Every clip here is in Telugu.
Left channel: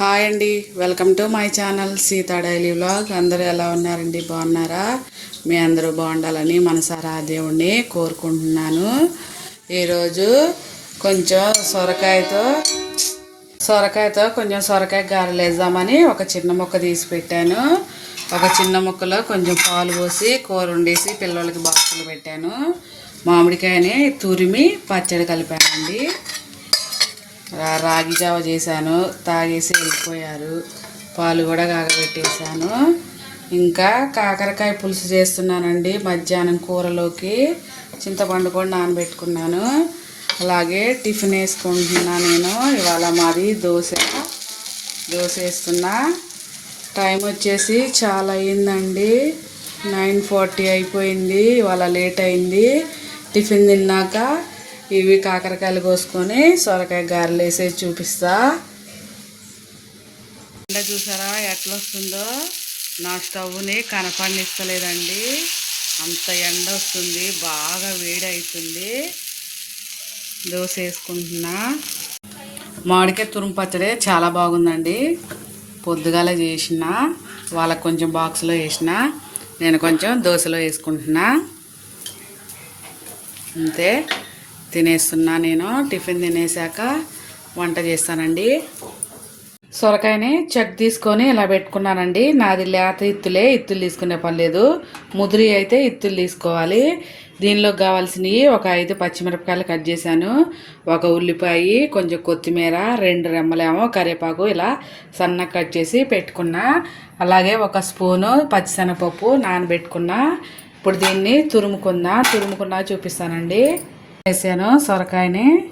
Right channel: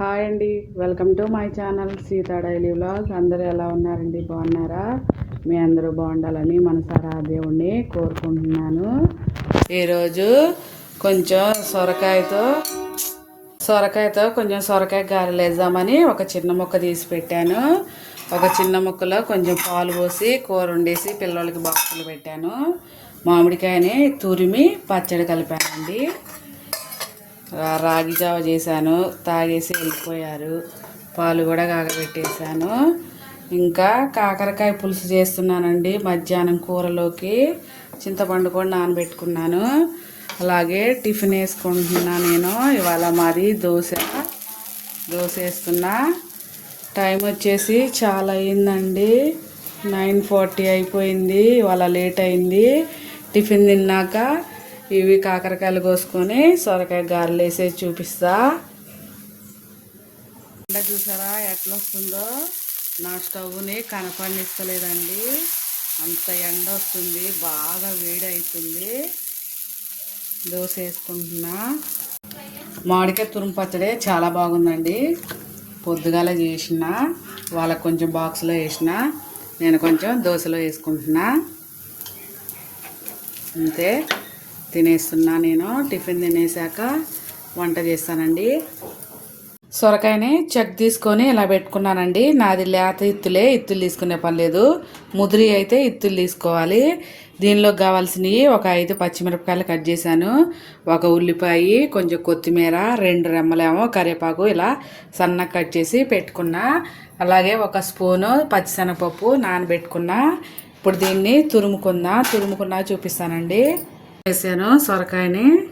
హాయ్ అండి welcome to my channel Sita daily vlog. అందరూ ఎలా ఉన్నారండి? బాగున్నారా? మీ అందరూ బాగుండాలని మనసారా దేవుణ్ణి కోరుకుంటున్నాను. ఈరోజు కొంచెం సొరకాయతో సొరకాయతో కొంచెం సొరకాయ గారెలు వేద్దామని ఒక చిన్న ముక్క తీసి పెట్టాను. ఒక చిన్న ముక్కలో కొంచెం పాలు పోసి కూర వండేసి పిల్లలకి బాక్సులు పెట్టాను. మామిడికాయని తురిమి పచ్చడి కలిపానండి. రాగి జావ చేశాను. తాగేసి వెళ్ళిపోయారు. పాలు కూడా కాగబెట్టేశాను. ఇంకా కాకరకాయ పులుసు చేస్తున్నానండి. మధ్యాహ్నం కూరలోకి చింతపండు కూడా నానబెట్టుకున్నాను. అలాగే టిఫిన్ వేసుకుంటున్నా నేను. ఇవాళ మాది దోశ. దోశ వేస్తున్నా. టైం వచ్చేసి చాలా అయిందండి. నైన్ ఫార్టీ అయిపోయింది. ఇవాళ లేట్ అయింది. టిఫిన్ తిన్నాక ఇవి కాకరకాయలు కోసుకొని సొరకాయ గారెలు వేసి చూపిస్తా. ఎండ చూసారా ఎట్లా వస్తుందో? నా స్టవ్ని కనపడిస్తలేదండి. అంత ఎండ వస్తుంది బాగా వేడి అవుతుంది దోశ వేసుకుంటున్నా. మామిడికాయ తురుము పచ్చడి చాలా బాగుందండి. పొద్దుగాల చేసిన వాళ్ళకి కొంచెం బాక్స్లో వేసిన నేను కొంచెం దోశలో వేసుకుంటున్నా. అంతే. తినేస్తున్నా నేను. టిఫిన్ తినేసాక వంట చేస్తానండి. సొరకాయని చెక్ తీసుకొని ఇలా పెట్టుకున్నానండి. నాది లేత ఇత్తులే ఇత్తులు తీసుకునే పని లేదు. ముదిరి అయితే ఇత్తులు తీసుకోవాలి. దీనిలో కావాల్సినవి ఒక ఐదు పచ్చిమిరపకాయలు కట్ చేశాను. ఒక ఉల్లిపాయ కొంచెం కొత్తిమీర రెండు రెమ్మలేమో కరివేపాకు ఇలా సన్నగా కట్ చేసి పెట్టుకున్నా. అలాగే ఒక స్పూను పచ్చిశనగపప్పు నానబెట్టుకున్నా. ఇప్పుడు దీన్ని తురుముకుందా. తురుముకున్నా చూపిస్తానండి. వేసాను సొరకాయని.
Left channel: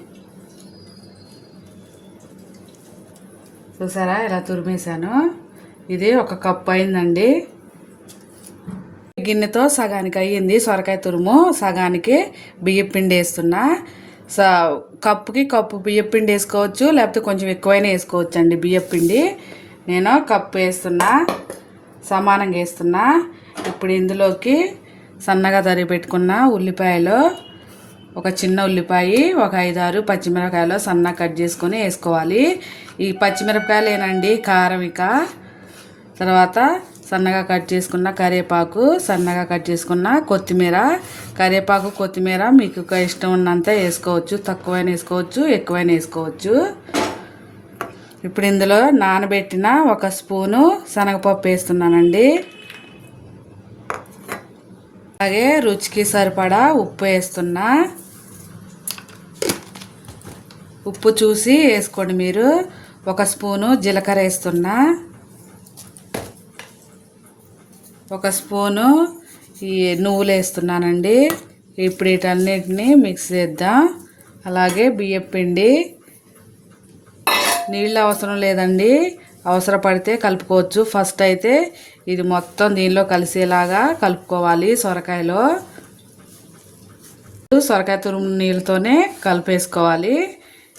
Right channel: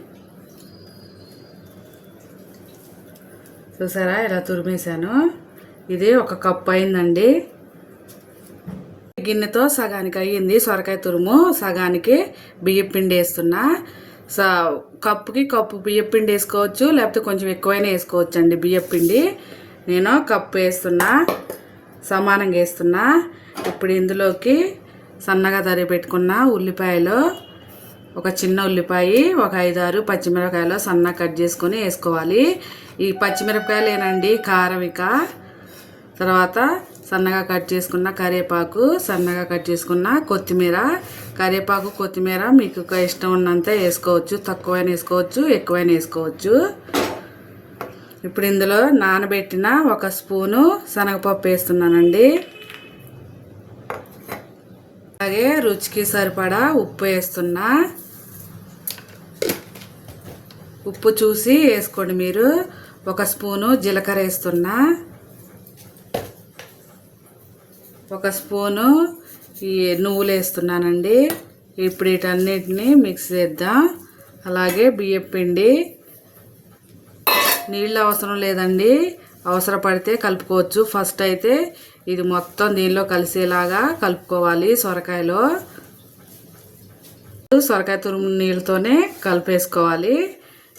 చూసారా ఇలా తురిమేశాను. ఇది ఒక కప్పు అయిందండి. గిన్నెతో సగానికి అయ్యింది సొరకాయ తురుము. సగానికి బియ్యం పిండి వేస్తున్నా. స కప్పుకి కప్పు బియ్యం పిండి వేసుకోవచ్చు లేకపోతే కొంచెం ఎక్కువైనా వేసుకోవచ్చు అండి బియ్యం పిండి. నేను కప్పు వేస్తున్నా సమానంగా వేస్తున్నా. ఇప్పుడు ఇందులోకి సన్నగా తరిగి పెట్టుకున్న ఉల్లిపాయలు ఒక చిన్న ఉల్లిపాయ ఒక ఐదారు పచ్చిమిరపకాయలు సన్నగా కట్ చేసుకొని వేసుకోవాలి. ఈ పచ్చిమిరపకాయలు ఏనండి కారం ఇక. తర్వాత సన్నగా కట్ చేసుకున్న కరివేపాకు సన్నగా కట్ చేసుకున్న కొత్తిమీర. కరివేపాకు కొత్తిమీర మీకు ఇష్టం ఉన్నంత వేసుకోవచ్చు తక్కువైనా వేసుకోవచ్చు ఎక్కువైనా వేసుకోవచ్చు. ఇప్పుడు ఇందులో నానబెట్టిన ఒక స్పూను శనగపప్పు వేస్తున్నానండి. అలాగే రుచికి సరిపడా ఉప్పు వేస్తున్నా. ఉప్పు చూసి వేసుకోండి మీరు. ఒక స్పూను జీలకర్ర వేస్తున్నా. ఒక స్పూను ఈ నువ్వులు వేస్తున్నానండి. ఇప్పుడు వీటన్నిటిని మిక్స్ చేద్దాం. అలాగే బియ్యం పిండి నీళ్ళు అవసరం లేదండి. అవసరపడితే కలుపుకోవచ్చు. ఫస్ట్ అయితే ఇది మొత్తం దీనిలో కలిసేలాగా కలుపుకోవాలి సొరకాయలో. సొరకాయ తురుము నీళ్ళతోనే కలిపేసుకోవాలి.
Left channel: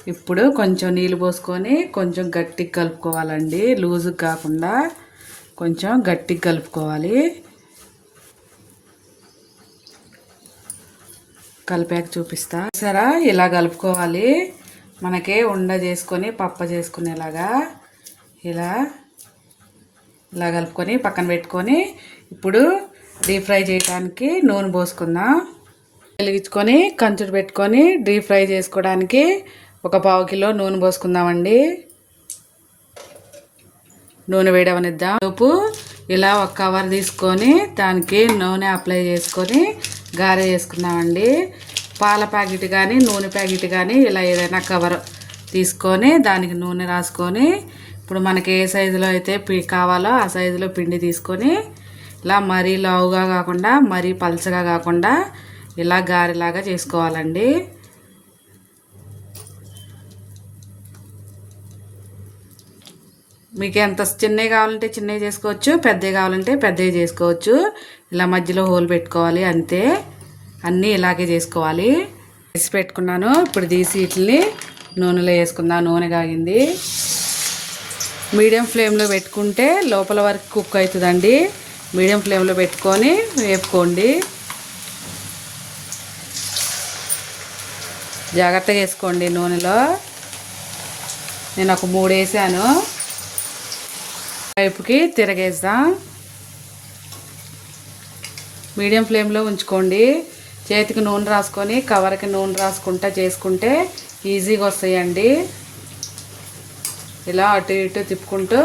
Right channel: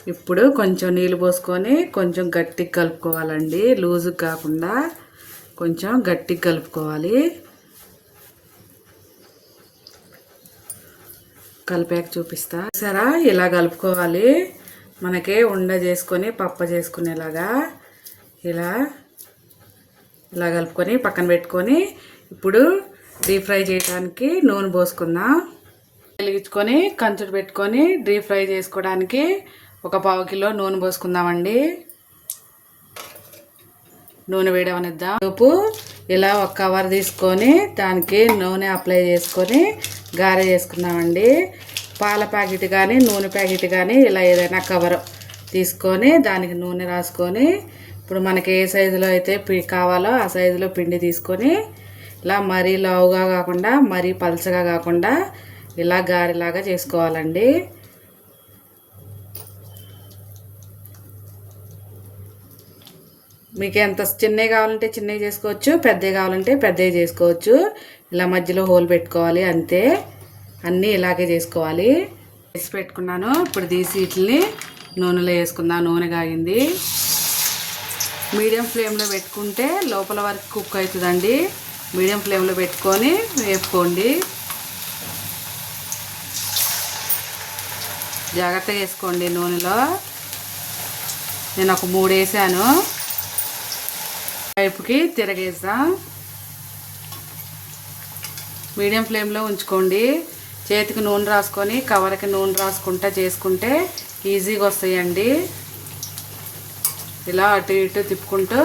ఇప్పుడు కొంచెం నీళ్ళు పోసుకొని కొంచెం గట్టిగా కలుపుకోవాలండి. లూజుగా కాకుండా కొంచెం గట్టిగా కలుపుకోవాలి. కలిపాక చూపిస్తా. సరా ఇలా కలుపుకోవాలి. మనకే ఉండ చేసుకొని పప్ప చేసుకునేలాగా. ఇలా ఇలా కలుపుకొని పక్కన పెట్టుకొని ఇప్పుడు డీప్ ఫ్రై చేయడానికి నూనె పోసుకుందాం. వెలిగించుకొని కంచుడు పెట్టుకొని డీప్ ఫ్రై చేసుకోవడానికి ఒక పావు కిలో నూనె పోసుకుందామండి. నూనె వేయడమనిద్దాం ఉప్పు ఇలా ఒక కవర్ తీసుకొని దానికి నూనె అప్లై చేసుకొని గారె చేసుకుందామండి. పాల ప్యాకెట్ కానీ నూనె ప్యాకెట్ కానీ ఇలా ఏదైనా కవర్ తీసుకొని దానికి నూనె రాసుకొని ఇప్పుడు మనకి ఏ సైజులో అయితే పి కావాలో ఆ సైజులో పిండి తీసుకొని ఇలా మరీ లావుగా కాకుండా మరీ పలచగా కాకుండా ఇలా గారెలాగా చేసుకోవాలండి. మీకు ఎంత చిన్నవి కావాలంటే చిన్నవి చేసుకోవచ్చు పెద్దవి కావాలంటే పెద్దవి చేసుకోవచ్చు. ఇలా మధ్యలో హోల్ పెట్టుకోవాలి అంతే. అన్నీ ఇలాగే చేసుకోవాలి. వేసి పెట్టుకున్నాను. ఇప్పుడు తీసి వీటిని నూనెలో వేసుకుందాం. నూనె కాగింది. మీడియం ఫ్లేమ్లో పెట్టుకుంటే లోపల వరకు కుక్ అవుతుందండి. మీడియం ఫ్లేమ్లో పెట్టుకొని వేపుకోండి. జాగ్రత్తగా వేసుకోండి నూనెలో. నేను ఒక మూడు వేసాను. వైపుకి తిరగేద్దాం. మీడియం ఫ్లేమ్లో ఉంచుకోండి. చేతికి నూనె రాసుకొని కవర్కి నూనె రాసుకుంటా చేసుకుంటే ఈజీగా వస్తాయండి. ఇలా అటు ఇటు తిప్పుకుంటూ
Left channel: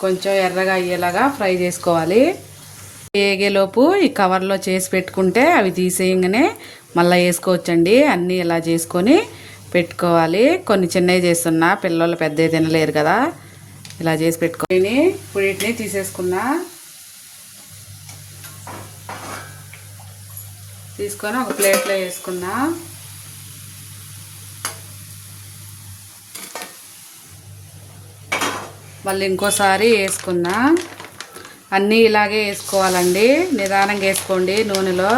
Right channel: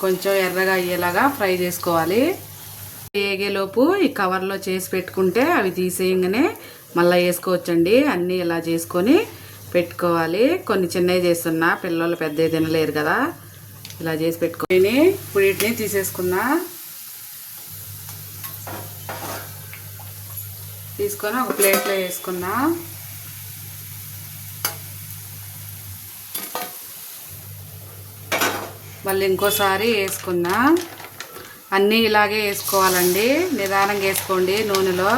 కొంచెం ఎర్రగా అయ్యేలాగా ఫ్రై చేసుకోవాలి. వేగేలోపు ఈ కవర్లో చేసి పెట్టుకుంటే అవి తీసేయంగానే మళ్ళీ వేసుకోవచ్చండి. అన్నీ ఇలా చేసుకొని పెట్టుకోవాలి. కొన్ని చిన్నవి చేస్తున్నా పిల్లలు పెద్దవి తినలేరు కదా. ఇలా చేసి పెట్టుకొని ఇప్పుడు వీటిని తీసేసుకున్నా. తీసుకొని ఒక ప్లేట్లో వేసుకున్నా. మళ్ళీ ఇంకోసారి వేసుకున్నా. అన్నీ ఇలాగే వేసుకోవాలండి. నిదానంగా వేసుకోండి నూనెలో.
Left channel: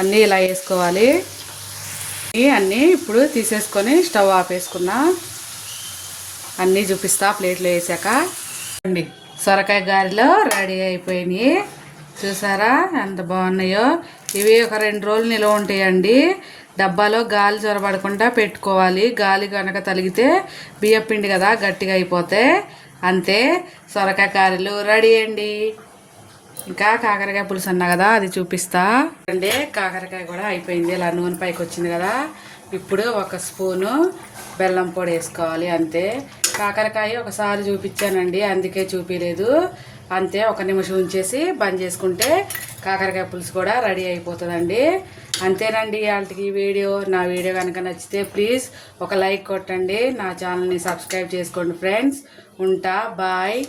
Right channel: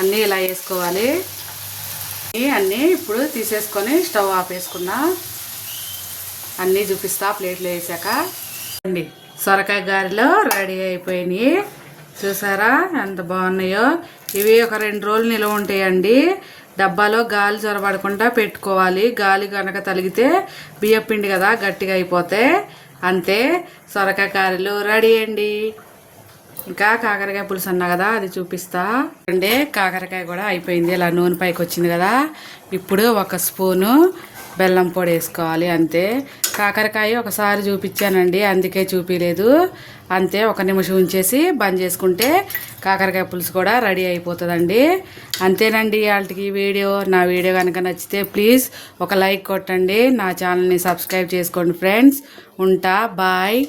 అన్నీ ఇలా వేసుకోవాలి. అన్నీ ఇప్పుడు తీసేసుకొని స్టవ్ ఆపేసుకున్నా అన్నీ చూపిస్తా ప్లేట్లో వేసాక. అండి సొరకాయ గారిలో రెడీ అయిపోయినాయి. చూసారా ఎంత బాగున్నాయో? ఇవి ఒక రెండు రోజులు నిల్వ ఉంటాయండి. డబ్బాలో గాలి చొరబడకుండా పెట్టుకోవాలి. గాలి కనుక తలిగితే బియ్యపిండి కదా గట్టిగా అయిపోతే. అంతే. సొరకాయ కారీలు రెడీ అండి. ఇంకా కాకరకాయ పులుసు అన్నా కదా అది చూపిస్తా. అంటే కాకరకాయ కూడా అయిపోయింది ఇలా నూనె పైకి వచ్చింది కదా. ఇప్పుడు ఒక స్పూను బెల్లం పొడి వేసుకోవాలి అంతే. కాకరకాయ ఒకసారి చూపించానండి అందుకే చూపించలేదు అంతే ఒక నిమిషం ఉంచేసి బంద్ చేసుకుంటే కాకరకాయ పులుసు కూడా రెడీ అయిపోతుందండి. అంతేనండి వాళ్ళకి వీడియో. నా వీడియో కనుక నచ్చితే ప్లీజ్ ఒక లైక్ కొట్టండి. నా ఛానల్ని సబ్స్క్రైబ్ చేసుకోండి ఫ్రెండ్స్. ఉంటా బాయ్.